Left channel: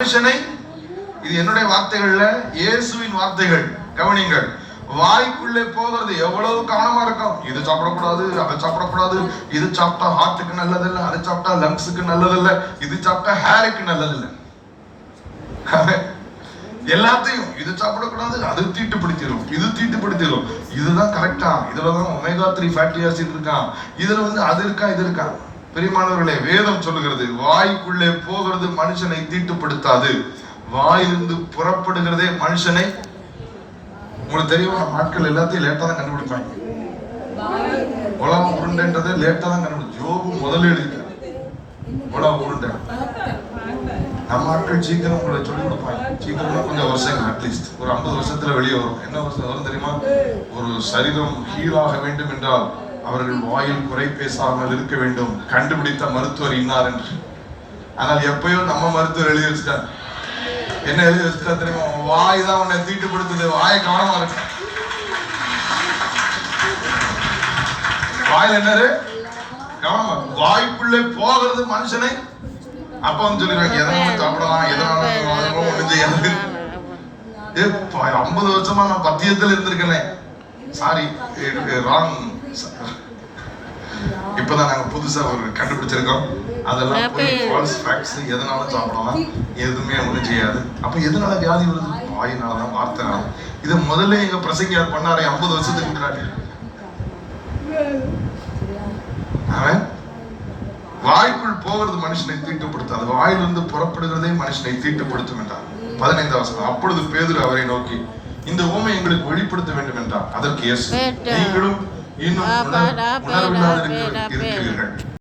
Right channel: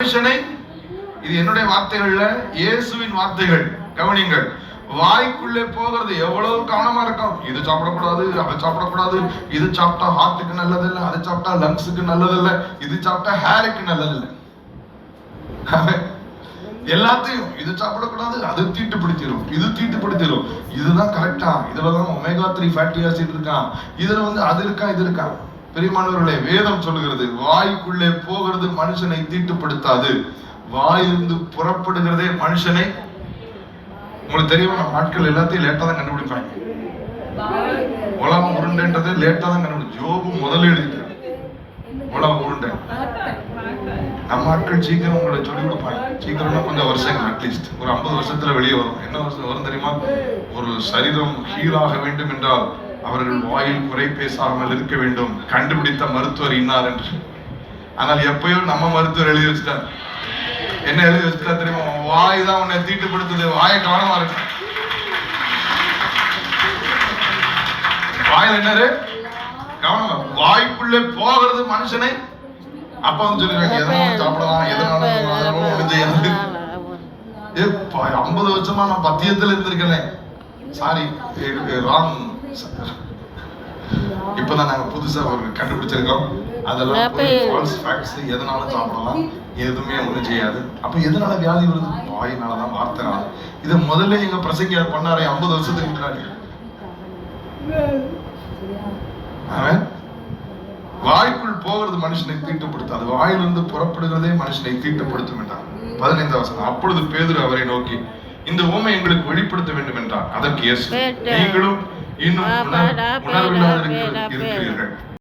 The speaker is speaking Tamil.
மனுஷனை, இது என்னுடைய வார்த்தைகள்ல, இயேசுவின் வார்த்தைகள் கவனிங்கள். வாய்க்குள்ளே போகிறது எவ்வளவு கவனமா இருக்கும். இது சாப்பிடக்கூடாது, அதை சாப்பிடக்கூடாது, இது சாப்பிட்டா ஹார்ட்டுக்கு நல்லது இல்லை, அது சாப்பிட்டா லங்ஸுக்கு நல்லது இல்லை, இது சாப்பிட்டா ஹேருக்கு நல்லது இல்லை. எல்லாத்தையும் இது சாப்பிடக்கூடாது, அது தீட்டுப்படுத்திடும், இது தீட்டுப்படுத்திடும், இதுதான் கரெக்டா, இதுலதான் ஒமேகா 3 ஃபேட்டி ஆசிட் இருக்கான், இதுல அது இருக்கா, இது இருக்கா. பெரியமானவர்களே, வேதம் சொல்லுகிறது வாய்க்குள்ளே போகிறது மனுஷனை தீட்டுப்படுத்தாது, வாயிலிருந்து புறப்படுகிறதே மனுஷனை. உங்களுக்கு தெரியுமா, ஆட்கள் எல்லாத்தையும் லேட்டா தான் கண்டுபிடிப்பாங்க. உலகம் உருண்டைன்றதை லேட்டா தான் கண்டுபிடிச்சு. யோபு முதல்ல எழுதிட்டார் உலகம் உருண்டை. நம்ம ஆட்கள் சீக்கிரம் உங்களை சொல்லி கொடுப்பாங்க. சீக்கிரமா கொஞ்சம் வருஷம், அட்லீஸ்ட் ஒரு 50 வருஷத்துல வெளியே வரும். என்ன வருஷம் வரும் தெரியுமா? ஒரு சரீரம் ஹீலாக வேண்டும் என்றால் அவர்கள் வாயில் குறை பேசாமல் இருக்க வேண்டும், கண்டுபிடித்த மருத்துவர் இன்னார் என்று. ஆனால் எப்பயோ நம்ம மருத்துவர் எழுதி வச்சுட்டார். என்ன எழுதி வச்சுட்டா தெரியுமா? வாய் தான் உன்னை தீட்டுப்படுத்துது, வாயை கவனமா இருக்கு. வாயில் என்ன கவனமா, வாய்க்குள்ளே போகிறது மனுஷனை. அப்ப வந்து சொல்லிடுவாங்க, எதனாலும் சாப்பிடலாம், எதனாலும் 50 வருஷமா நான் பத்தியத்தில் இருந்திருக்கேன். Sorry, wrong. இப்பதான் நாங்க புதுசா ஒரு கண்டுபிடிச்சிருக்கோம். அதெல்லாம் ஃபால்ஸ் ஃபேக்ட்ஸ். எதனாலும் சாப்பிடலாம், எதுவுமே ஒண்ணும் செய்யாது. அப்ப எதனால வியாதி வருது? வாயினாலதான், வார்த்தைனால. இதை முதல்ல எங்க பிரசங்கியார் பண்ணாரே 50 வருஷத்துக்கு முன்னாடி. அவன் வாய்க்குள் போகிறது மனுஷனை தீட்டுப்படுத்தாது, வாயிலிருந்து புறப்படுகிறதே மனுஷனை தீட்டுப்படுத்தும் என்றார். 15ஆம் வசனம். அப்பொழுது பேதுரு அவரை நோக்கி, இந்த உவமை எங்களுக்கு வெளிப்படுத்த வேண்டும் என்றார். அதற்கு இயேசு, நீங்களும் இன்னும் உணர்வில்லாதிருக்கிறீர்கள்.